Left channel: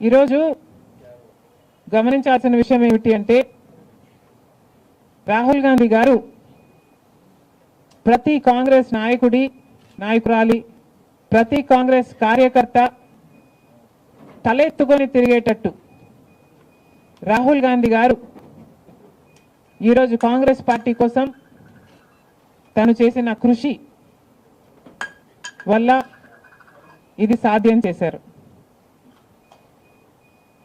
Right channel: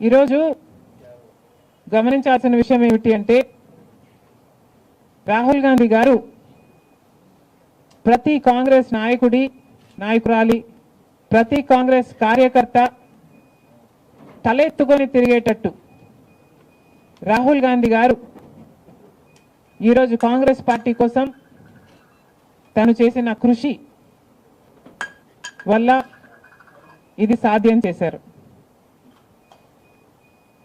ఈరోజు గమనించాల్సిన విషయం ఏమిటి అంటే రాహుల్ గాంధీ గారు ప్రతి కాంగ్రెస్ నాయకురాలి ప్రతి కాంగ్రెస్ కార్యకర్త తలెత్తుకొని తిరిగేటట్టు రాహుల్ గాంధీ గారు ఈరోజు కాంగ్రెస్ పార్టీ కోసం తను చేసిన కృషి వల్ల ఇది సాధ్యం చేశారు.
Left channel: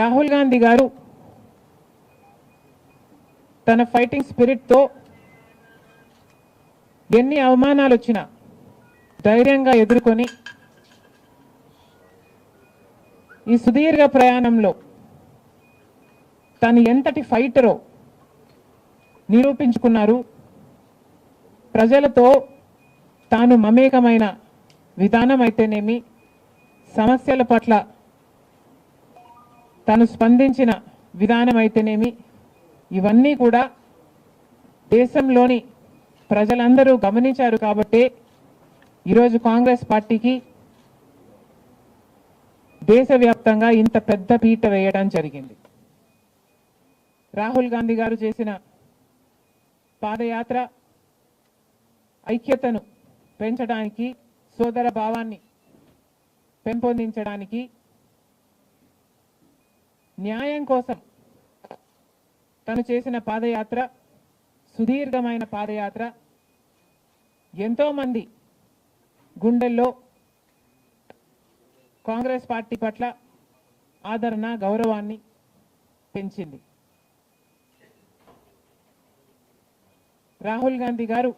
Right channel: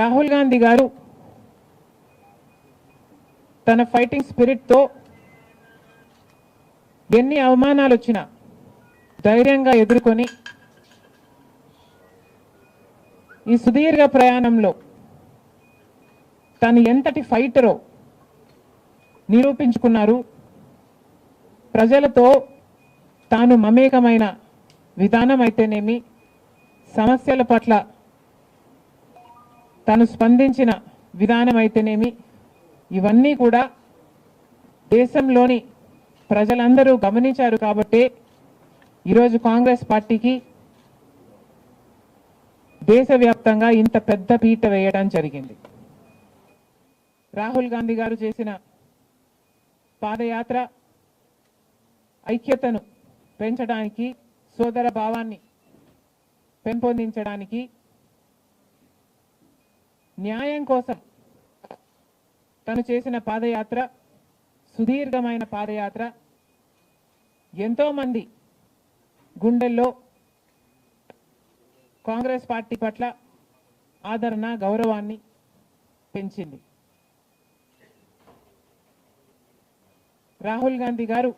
రాహుల్ గాంధీ గారు తన ఫైటింగ్ స్పిరిట్ తో ఎన్ని అవమానాలు వచ్చినా ధైర్యంగా ఎదుర్కొని ఈ సుదీర్ఘ ప్రయాణంలో తను ఎంతటి ఫైటరో నిరూపించుకున్నారు. ప్రజలతో తాను మమేకమైన విధానం అయితేనేమి, సమస్యల పట్ల తాను స్పందించిన విధానం అయితేనేమి, ఇవన్నీ కూడా దేశంలోని ప్రజలందరూ గమనించారు. కాబట్టి ఈరోజు కాంగ్రెస్ పార్టీకి దేశవ్యాప్తంగా ఇంత పెద్ద పీట వేయడం జరిగింది. రాహుల్ గాంధీ గారు చేసిన పాదయాత్ర ఐక్యతను పెంచడానికి, సోదర భావాన్ని పెంపొందించడానికి, న్యాయం కోసం తను చేసిన పాదయాత్ర, సుదీర్ఘమైన పాదయాత్ర ఎంతో మంది గుండెల్లో కాంగ్రెస్ పార్టీ పట్ల ఆదరణ, గౌరవాన్ని పెంచింది. రాహుల్ గాంధీ గారు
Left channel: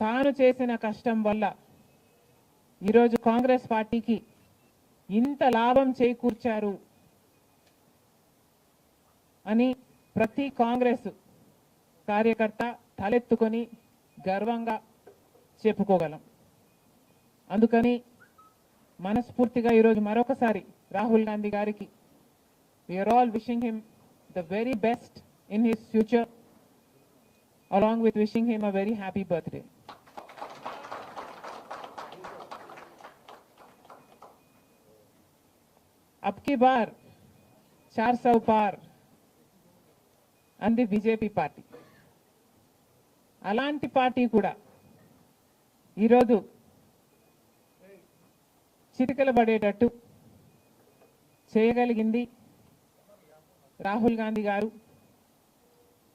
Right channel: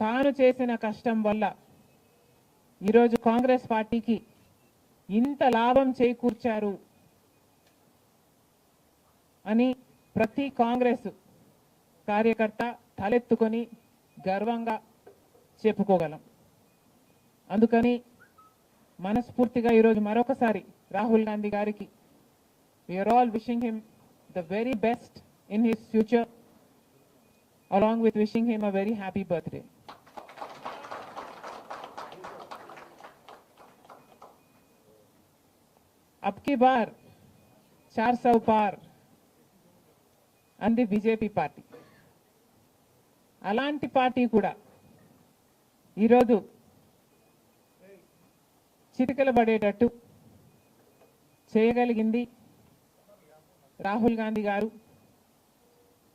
తాను చేసిన కష్టం వల్ల ఈరోజు కాంగ్రెస్ పార్టీకి ఇంత లాభం చేకూర్చారు అని ప్రతి కాంగ్రెస్ కార్యకర్త తలెత్తుకొని గర్వంగా చెప్పుకోగలం. అందుకని మనస్ఫూర్తిగా ఈరోజు మరొకసారి రాహుల్ గాంధీ గారికి we are all wishing him the very best in his future, along with wishing him a very happy birthday. अब की बार 400 पार అంది బీజేపీ పార్టీ. అలాంటి పార్టీ కూడా ఈరోజు చిటికలు పడేటట్టు చేయగలిగింది రాహుల్ గాంధీ గారు,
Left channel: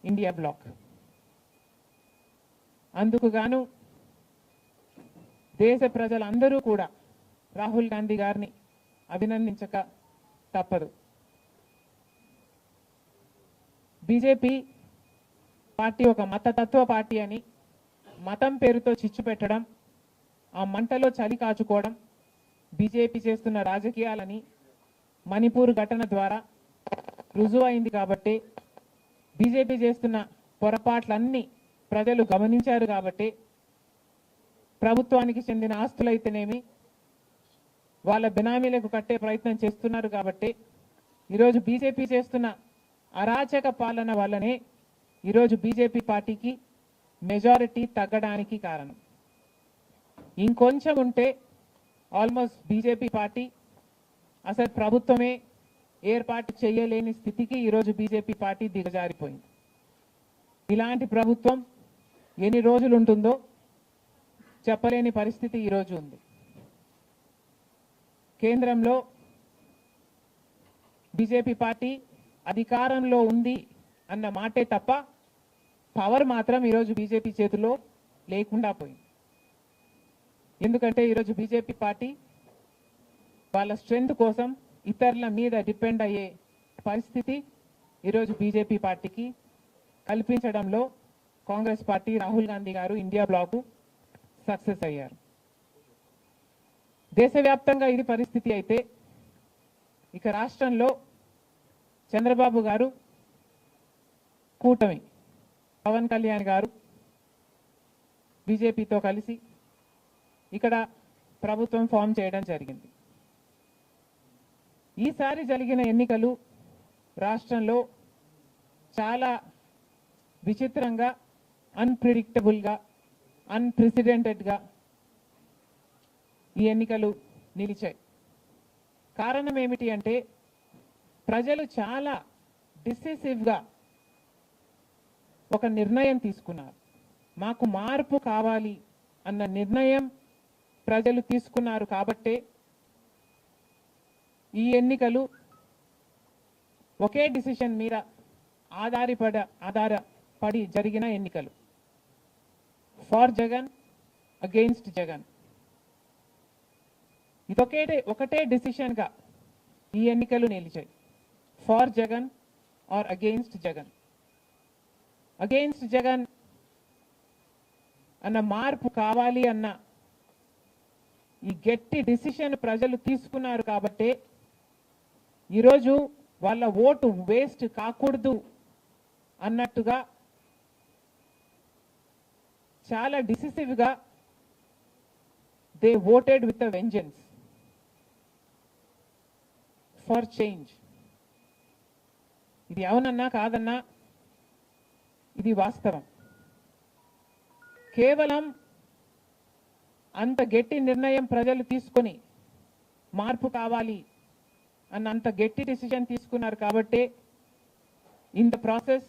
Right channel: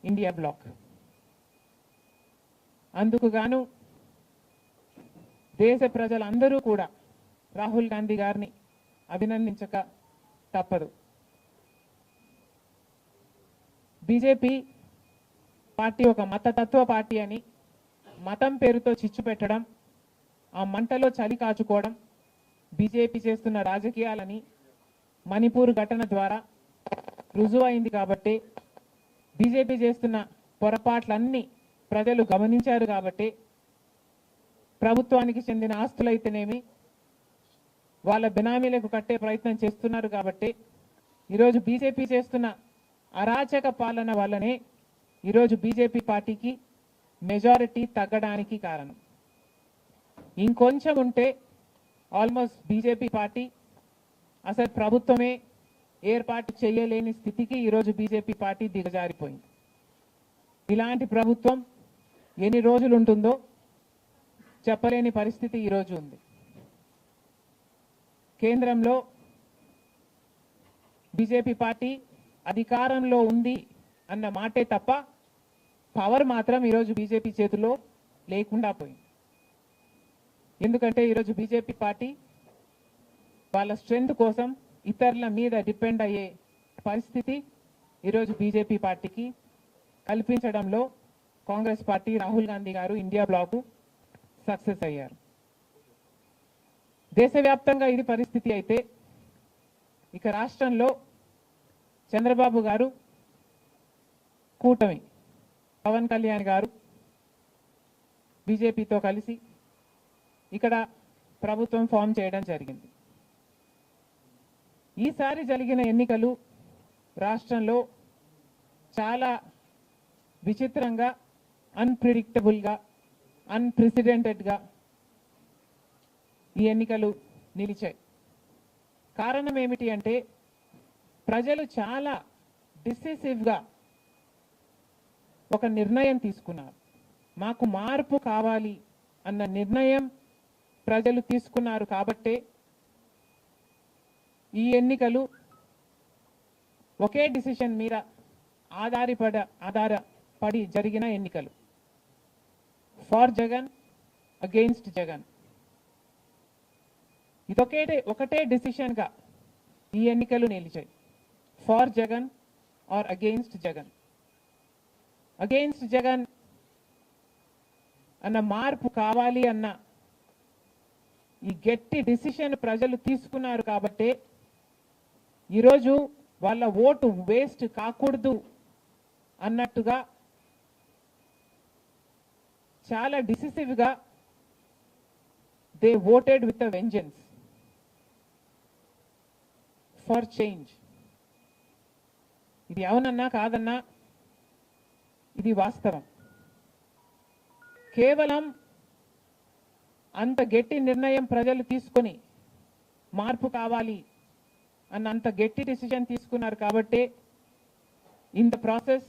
ఇండియా బ్లాక్. అందుకు గాను దేశ ప్రజలందరూ కూడా రాహుల్ గాంధీ గారిని అభినందించక తప్పదు. బీజేపీ పార్టీ ఒక మతతత్వ పార్టీ అని మతం పేరుతో చిచ్చు పెట్టడం, ఆ మంటలో చలి కాచుకోవడం బీజేపీ చేస్తున్న రాజకీయాలని మణిపూర్ ఘటన ద్వారా రుజువు అయింది. కాబట్టి బీజేపీ చేస్తున్న పొరపాట్లన్నీ ప్రజలు గమనించారు. కాబట్టి ప్రభుత్వానికి చెందిన ఆస్తులైతేనేమి వాళ్ళ బినామీలకు కట్టే ప్రయత్నం చేస్తున్నారు. కాబట్టి ఈరోజు బీజేపీ చేస్తున్న అరాచక పాలన వల్లనే ఈరోజు బీజేపీ పార్టీకి మెజారిటీ తగ్గడానికి కారణం. ఇంకొంచెం ఉంటే ఆల్మోస్ట్ బీజేపీ పార్టీ అసలు ప్రభుత్వమే ఏర్పాటు చేయలేని స్థితికి ఈరోజు బీజేపీ పార్టీ దిగజారిపోయింది. ఇలాంటి ప్రభుత్వం ఎన్ని రోజులు ఉంటుందో చెప్పలేని పరిస్థితి ఈరోజు ఉంది. కేంద్రంలో బీజేపీ పార్టీ అధికారంలో ఉంది అన్న మాటే తప్ప పవర్ మాత్రం ఈరోజు బీజేపీ చేతిలో లేకుండా పోయింది. ఎందుకంటే ఈరోజు బీజేపీ పార్టీ వాళ్ళ స్ట్రెంగ్త్ కోసం ఇతరుల మీద డిపెండ్ అయ్యే పరిస్థితి ఈరోజు బీజేపీ పార్టీకి కల్పించడంలో కాంగ్రెస్ పార్టీ, రాహుల్ గాంధీ గారు, ఇండియా బ్లాక్ సక్సెస్ అయ్యారు. దేశవ్యాప్తంగా ఇది పరిస్థితి అయితే ఇక రాష్ట్రంలో చంద్రబాబు గారు కూటమి, పవన్ కళ్యాణ్ గారు బీజేపీతో కలిసి ఇక్కడ ప్రభుత్వం ఫామ్ చేయడం జరిగింది. ఈసారి జరిగిన ఎన్నికలు రాష్ట్రంలో చాలా విచిత్రంగా, అన్ప్రెడిక్టబుల్ గా, అన్ప్రెసిడెంటెడ్ గా ఈ ఎన్నికలు నిలిచాయి. కారణం ఏమిటి అంటే ప్రజలు చాలా డిసిసివ్ గా ఒక నిర్ణయం తీసుకున్నారు. మాకు మార్పు కావాలి అన్న నిర్ణయం ప్రజలు తీసుకున్నారు కాబట్టే ఈ ఎన్నికలు ఒకే డిసిషన్ మీద ఆధారపడి జరిగిన ఎన్నికలు. For Jagan, against Jagan. ఇది ఒకటే డిసిషన్ గా ఈ ఎన్నికలు నిలిచాయి. For Jagan or against Jagan. Against Jagan అన్న మార్పు కావాలి అన్న ఈ గట్టి డిసిషన్ ప్రజలు తీసుకున్నారు కాబట్టి ఈరోజు వాళ్ళ ఓటు వేస్ట్ కాకూడదు అన్నట్టుగా చాలా డిసిసివ్ గా they voted with a vengeance for change. ఇది అవునన్నా కాదన్నా ఇది వాస్తవం. కేవలం అంత గట్టి నిర్ణయం ప్రజలు తీసుకుని మార్పు కావాలి అన్న అంత గట్టి డిసిజన్ తీసుకున్నారు కాబట్టి ఇన్ ద ప్రాసెస్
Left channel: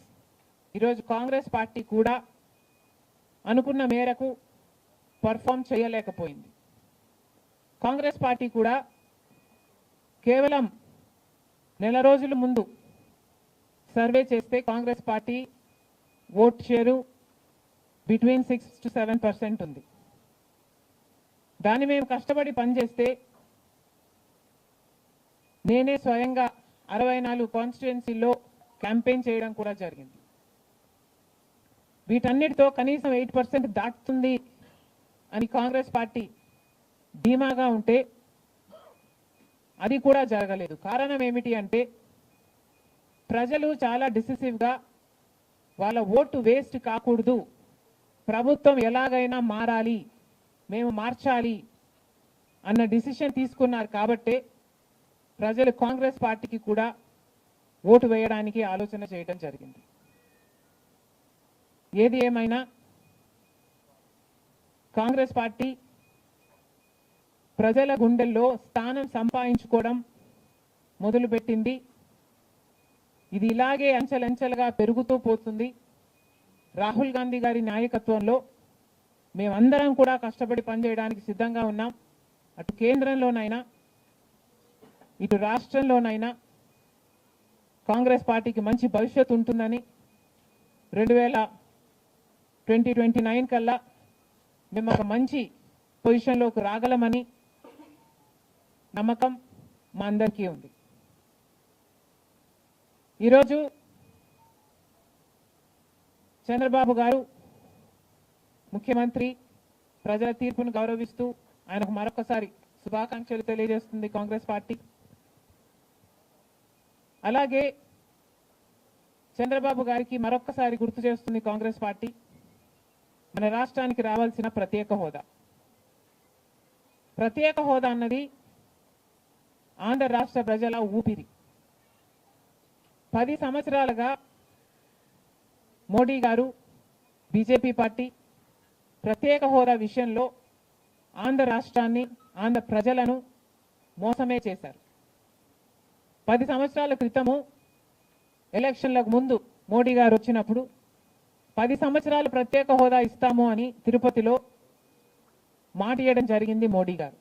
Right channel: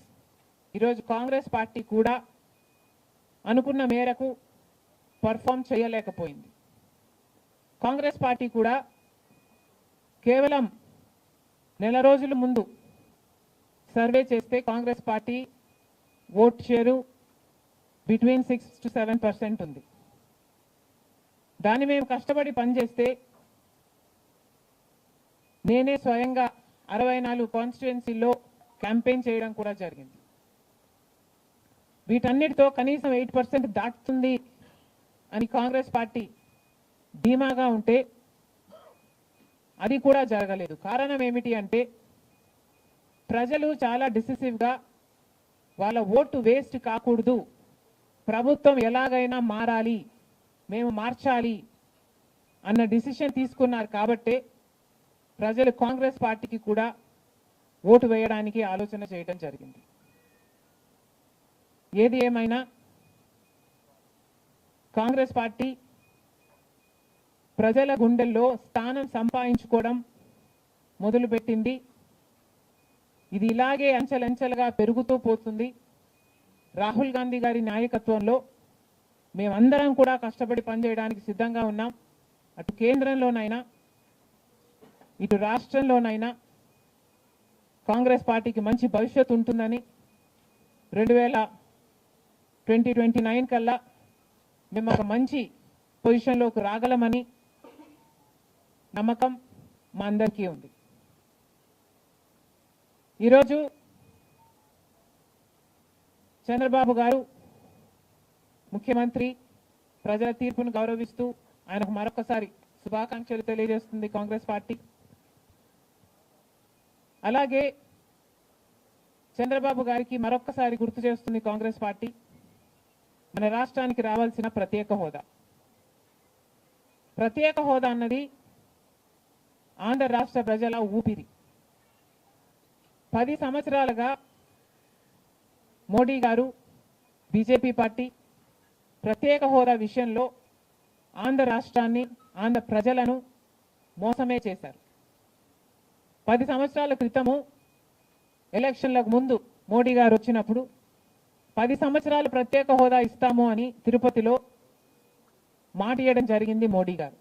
ఈరోజు కాంగ్రెస్ పార్టీ కూడా అనుకున్న మేరకు పర్ఫామ్ చేయలేకపోయింది. కాంగ్రెస్ పార్టీ కూడా కేవలం నెల రోజుల ముందు సర్వే చేస్తే Congress party vote share between 6 to 7% ఉంది. దాన్ని మేము కష్టపడి పనిచేస్తే నేనే స్వయంగా 64 కాన్స్టిట్యుయెన్సీల్లో క్యాంపెయిన్ చేయడం కూడా జరిగింది. వీటన్నిటితో కనీసం 8% దాటుతుంది అని కాంగ్రెస్ పార్టీ ధీమాగా ఉంటే అది కూడా జరగలేదు. కారణం ఏమిటి అంటే ప్రజలు చాలా డిసిసివ్ గా వాళ్ళ ఓటు వేస్ట్ కాకూడదు, ప్రభుత్వం ఎలాగైనా మారాలి, మేము మార్చాలి అన్న డిసిషన్ తీసుకున్నారు కాబట్టి ప్రజలు కాంగ్రెస్ పార్టీకి కూడా ఓటు వేయడానికి ఆలోచన చేయడం జరిగింది. ఏది ఏమైనా కాంగ్రెస్ పార్టీ ప్రజల గుండెల్లో స్థానం సంపాదించుకోవడం మొదలుపెట్టింది. ఇది ఇలాగే అంచెలంచెలుగా పెరుగుతూ పోతుంది. రాహుల్ గాంధీ గారి నాయకత్వంలో మేమందరం కూడా కష్టపడి పనిచేయడానికి సిద్ధంగా ఉన్నాం. అటు కేంద్రంలోనైనా ఇటు రాష్ట్రంలోనైనా కాంగ్రెస్ పార్టీకి మంచి భవిష్యత్తు ఉంటుందని 2029 కల్లా మేము ఒక మంచి పొజిషన్లోకి రాగలమని నమ్మకం మా అందరికీ ఉంది. ఈరోజు చంద్రబాబు గారు ముఖ్యమంత్రి ప్రజల తీర్పును గౌరవిస్తూ ఆయనకు మరొకసారి శుభాకాంక్షలు తెలియజేస్తుంది కాంగ్రెస్ పార్టీ. అలాగే చంద్రబాబు గారికి మరొకసారి గుర్తు చేస్తుంది కాంగ్రెస్ పార్టీ మన రాష్ట్రానికి రావాల్సిన ప్రత్యేక హోదా. ప్రత్యేక హోదా అన్నది ఆంధ్ర రాష్ట్ర ప్రజల ఊపిరి. 10 సంవత్సరాలుగా మోడీ గారు బీజేపీ పార్టీ ప్రత్యేక హోదా విషయంలో ఆంధ్ర రాష్ట్రాన్ని ఆంధ్ర ప్రజలను మోసమే చేశారు. 10 సంవత్సరాల క్రితము ఎలక్షన్లకు ముందు మోడీ గారు వచ్చినప్పుడు 10 సంవత్సరాలు ప్రత్యేక హోదా ఇస్తాము అని తిరుపతిలో మాట ఇవ్వడం జరిగింది మోడీ గారు.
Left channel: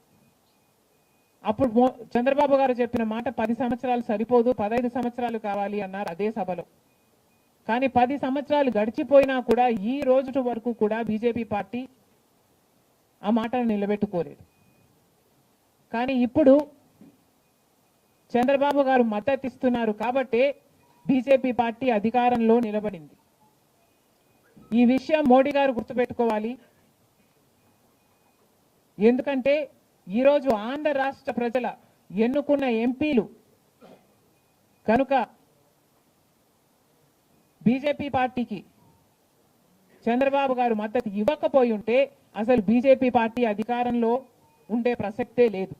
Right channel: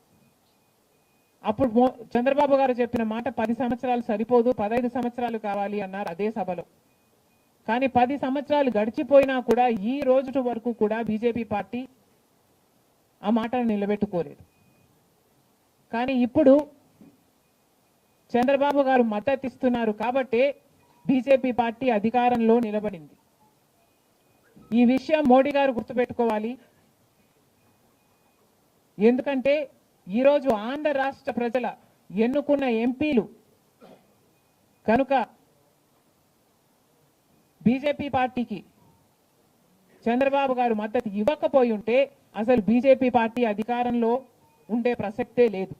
అప్పుడు చంద్రబాబు గారు చెప్పిన మాట 10 సంవత్సరాలు సరిపోదు, 15 సంవత్సరాలు కావాలి అన్నారు అదే సభలో. కానీ 10 సంవత్సరాలు గడిచిపోయినా కూడా ఈ రోజు వరకు కూడా బీజేపీ పార్టీ ఆ మాటను నిలబెట్టుకోలేదు. కానీ ఇప్పుడు చంద్రబాబు గారు మద్దతు ఇస్తున్నారు కాబట్టి బీజేపీ పార్టీ అధికారంలో నిలబడింది. ఈ విషయం మోడీ గారు గుర్తుపెట్టుకోవాలి. ఎందుకంటే ఈరోజు ఆంధ్ర రాష్ట్ర ప్రజల ఎన్నుకున్న ఎంపీలు కనుక బీజేపీ పార్టీకి చంద్రబాబు గారు మద్దతు ఇవ్వకపోయి ఉంటే అసలు బీజేపీ పార్టీ అధికారంలో ఉండే ప్రసక్తే లేదు.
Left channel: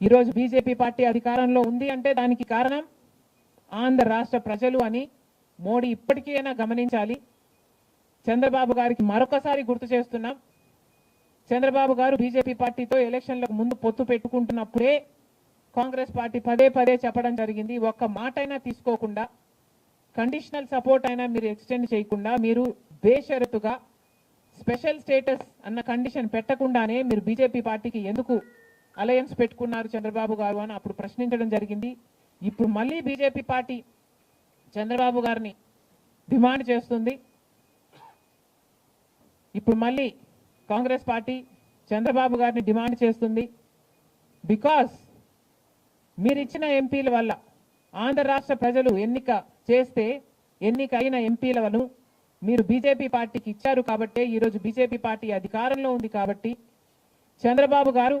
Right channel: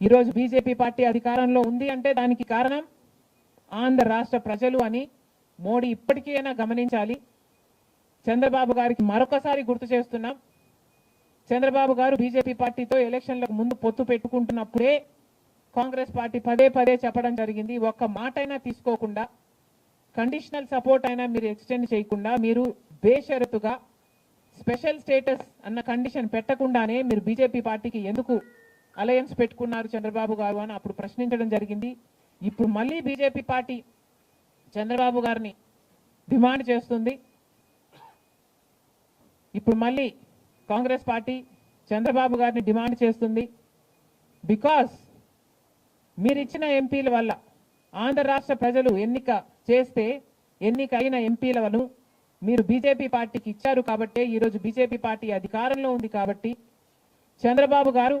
ఈరోజు బీజేపీ పార్టీ అధికారంలో ఉంది అంటే దానికి కారణం ఆంధ్ర రాష్ట్ర ప్రజలు అని మోడీ ఇప్పటికైనా గమనించాలి. చంద్రబాబు గారికి మరొకసారి గుర్తు చేస్తున్నాం, చంద్రబాబు గారు బీజేపీ పార్టీతో ఎలక్షన్లకు ముందు పొత్తు పెట్టుకుంటున్నప్పుడే కాంగ్రెస్ పార్టీ పదే పదే చెప్పడం జరిగింది. ఒక్క మాట అయినా తీసుకోకుండా, కండిషనల్ సపోర్ట్ అయినా మీరు ఎక్స్టెండ్ చేయకుండా, మీరు బేషరతుగా స్పెషల్ స్టేటస్ అన్న కండిషన్ పెట్టకుండానే మీరు బీజేపీ పార్టీకి ఎందుకు అలయన్స్ పెట్టుకున్నారు చంద్రబాబు గారు అని అప్పుడు ప్రశ్నించడం జరిగింది. ఇప్పుడు మళ్ళీ బీజేపీ పార్టీ చంద్రబాబు గారిని డిమాండ్ చేస్తుంది. ఇప్పుడు మళ్ళీ కాంగ్రెస్ పార్టీ చంద్రబాబు గారిని డిమాండ్ చేస్తుంది. బికాస్ మీరు ఇచ్చిన ఎంపీల వల్ల ఆంధ్ర రాష్ట్ర ప్రజలు ఎన్నికైన ఎంపీలను మీరు బీజేపీ పార్టీకి ఇచ్చారు కాబట్టి, ఈరోజు బీజేపీ పార్టీ అధికారంలో ఉంది కాబట్టి చంద్రబాబు గారు